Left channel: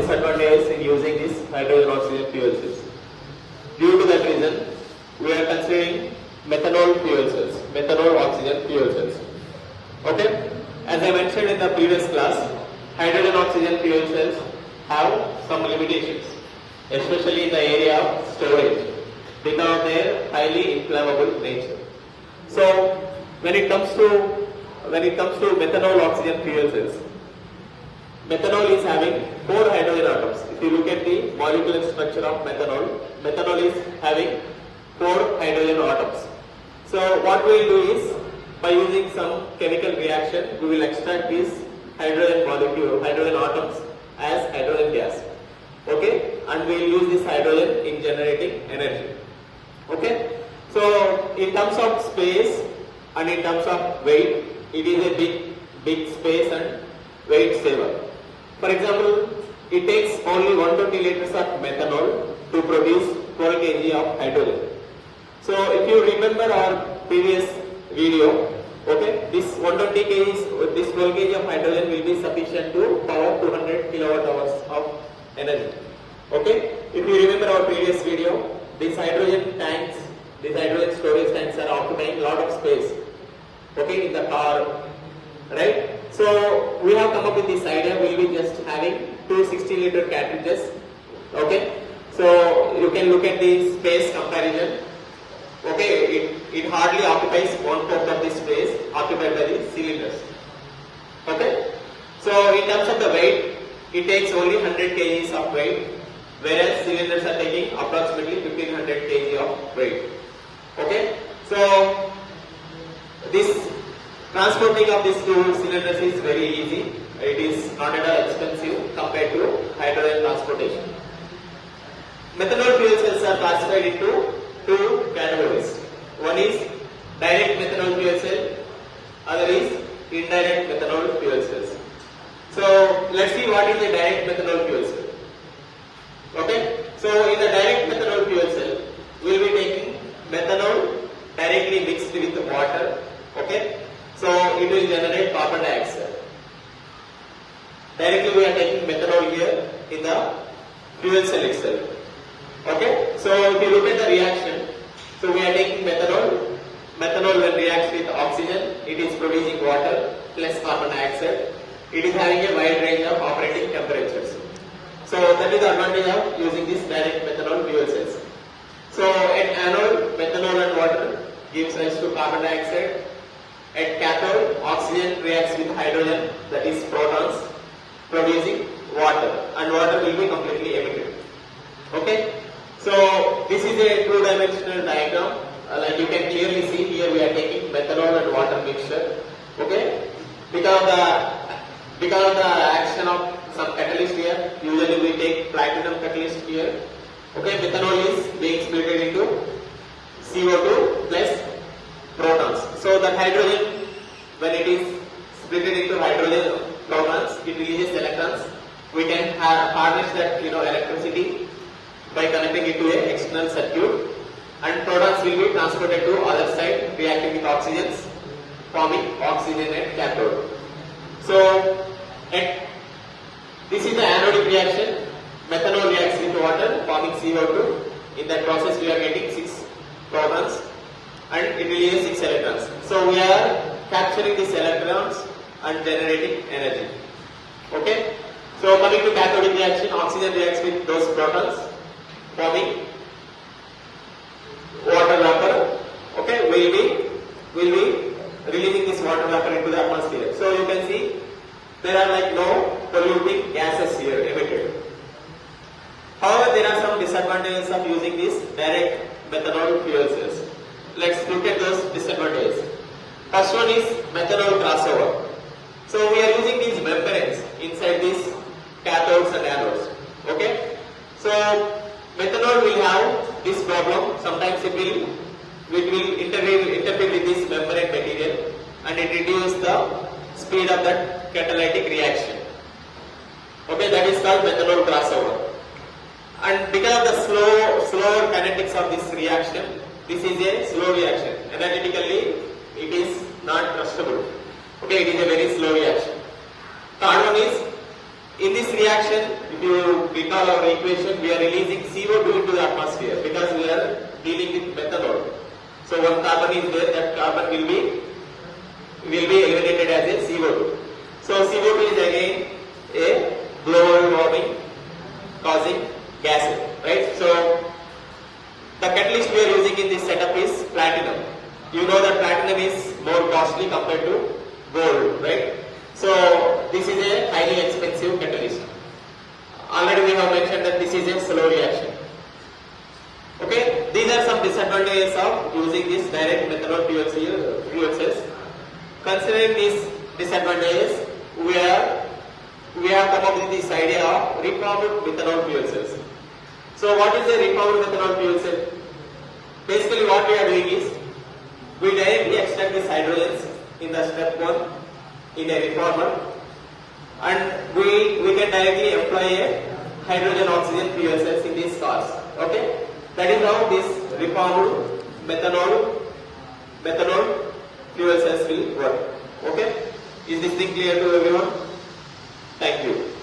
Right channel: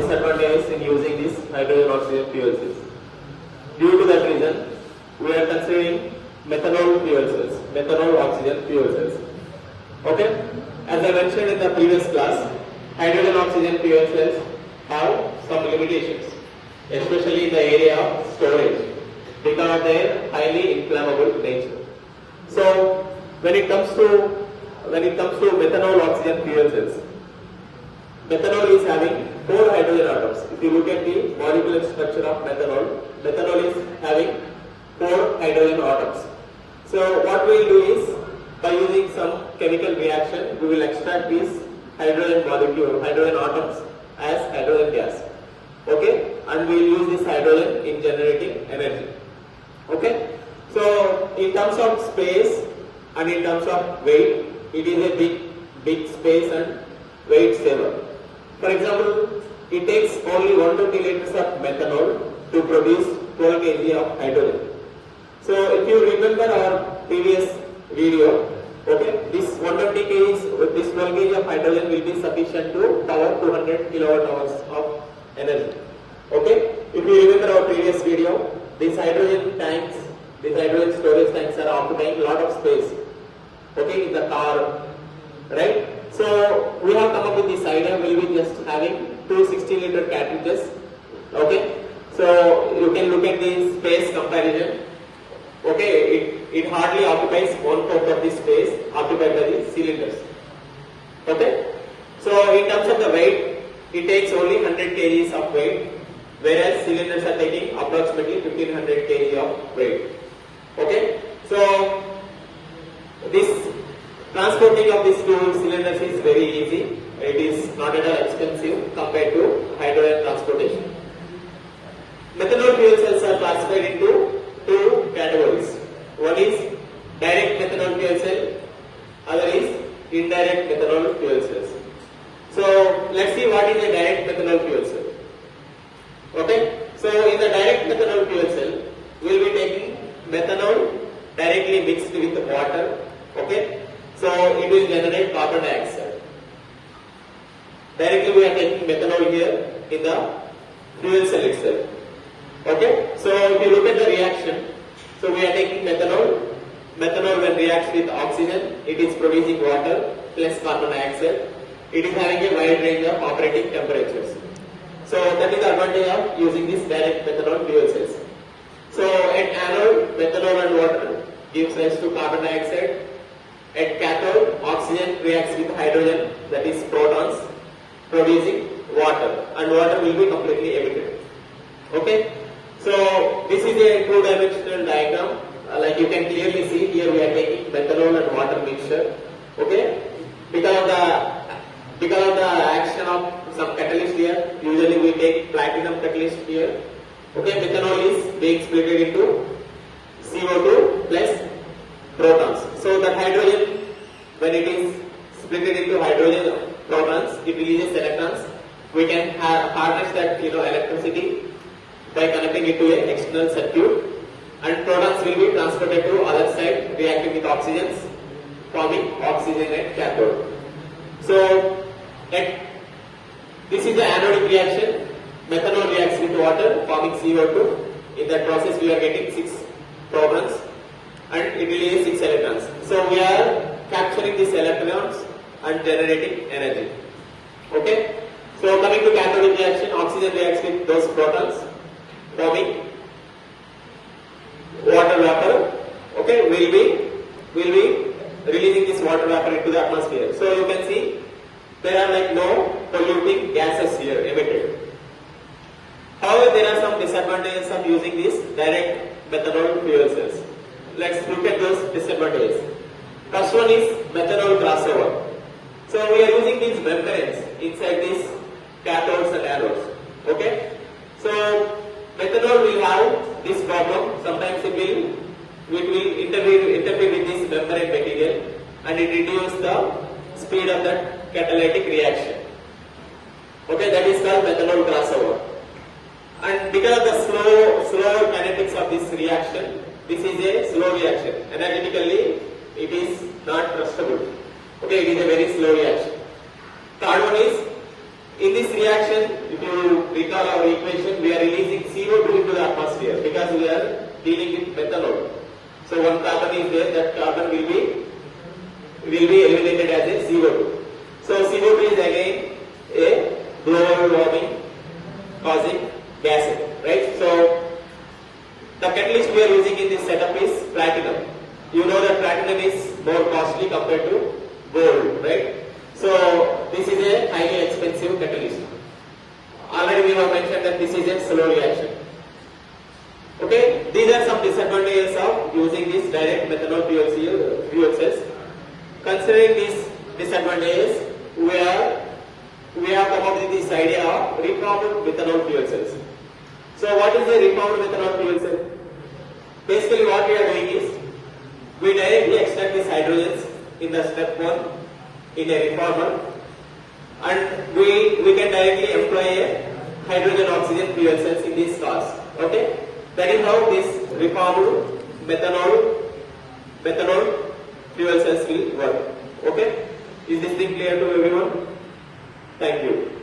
disadvantages in using these hydrogen oxygen fuel cells. Due to that reason, we are considering methanol fuel cells, methanol oxygen fuel cells. Okay? As I mentioned in the previous class, hydrogen oxygen fuel cells have some limitations, especially in the area of storage, because of their highly inflammable nature. So, when it comes to methanol oxygen fuel cells, methanol is having 4 hydrogen atoms. If you look at the molecular structure of methanol, methanol is having 4 hydrogen atoms. So what we will do is, by using some chemical reaction, we will extract these hydrogen atoms as hydrogen gas. Okay, and we will use this hydrogen in generating energy. Okay, so in terms of space and in terms of weight, it is a big space and weight saver. For example, it takes only 120 liters of methanol to produce 12 kg of hydrogen. So if you remember our previous video, okay, this 120 kg with this 12 kg of hydrogen will be sufficient to power 200 kilowatt hours of energy. Okay, if you remember our previous video, these hydrogen storage tanks are occupying a lot of space. Okay, in the car, right? So we have come up with this idea. We'll be just having 2 60-liter cartridges. Okay, so you can look at the space comparison. Okay, it hardly occupies 1/4 of the space occupied by the cylinders. Okay, so in terms of the weight, it takes only 100 kgs of weight, whereas cylinders are taking approximately 1500 kg of weight. Okay, so this transporting of these 2 cylinders is very easy. It is not at all expensive compared to hydrogen transportation. Methanol fuel cells are classified into 2 categories. One is direct methanol fuel cell, other is indirect methanol fuel cells. So let's see what is a direct methanol fuel cell. Okay, so in the direct methanol fuel cell, we will be taking methanol directly mixed with water. Okay, so it will generate carbon dioxide. Directly we are taking methanol here in the fuel cell itself. Okay, so if you look at the reaction, so we are taking methanol. Methanol when reacts with oxygen, it is producing water plus carbon dioxide. It is having a wide range of operating temperatures. So that is the advantage of using this direct methanol fuel cells. So at anode, methanol and water gives rise to carbon dioxide. At cathode, oxygen reacts with hydrogen, that is protons, producing water, and water will be completely emitted. Okay, so this is a 2-dimensional diagram. Like you can clearly see here, we are taking methanol and water mixture. Okay, because of the action of some catalyst here, usually we take platinum catalyst here. Okay, methanol is being split into CO2 plus protons. So that hydrogen, when it is split into hydrogen protons, it releases electrons. We can harness that electricity by connecting it to an external circuit, and protons will be transported to other side, reacting with oxygens, forming oxygen at cathode. So this is the anodic reaction. Methanol reacts with water, forming CO2. In that process, we are getting 6 protons and it releases 6 electrons. So we are capturing these electrons and generating energy. Okay. So coming to cathodic reaction, oxygen reacts with those protons, forming water vapor. Okay, will be releasing this water vapor into the atmosphere. So you can see there are like no polluting gases here emitted. However, there are some disadvantages of using these direct methanol fuel cells. Let's look at those disadvantages. First one is methanol crossover. So we are using these membranes inside these cathodes and anodes. Okay. So methanol will have this problem. Sometimes it will interfere with this membrane material and it reduces the speed of that catalytic reaction. Okay, that is called methanol crossover. And because of the slow kinetics of this reaction, this is a slow reaction. Energetically, it is not trustable. Okay, it is a very slow reaction. Third one is, in this reaction, if you recall our equation, we are releasing CO2 into the atmosphere because we are dealing with methanol. So one carbon is there, that carbon will be eliminated as a CO2. So CO2 is again a global warming causing gas, right? So the catalyst we are using in this setup is platinum. You know that platinum is more costly compared to gold, right? So this is a highly expensive catalyst. Already we have mentioned that this is a slow reaction. Okay, these are some disadvantages of using this direct methanol fuel cells. Considering these disadvantages, we have come up with this idea of reformed methanol fuel cells. So what is a reformed methanol fuel cell? Basically what we are doing is, we directly extract these hydrogens in the step 1 in a reformer, and we can directly employ a hydrogen oxygen fuel cells in these cars. Okay, that is how this reformed methanol fuel cells will work. Okay, is this thing clear to everyone? Thank you.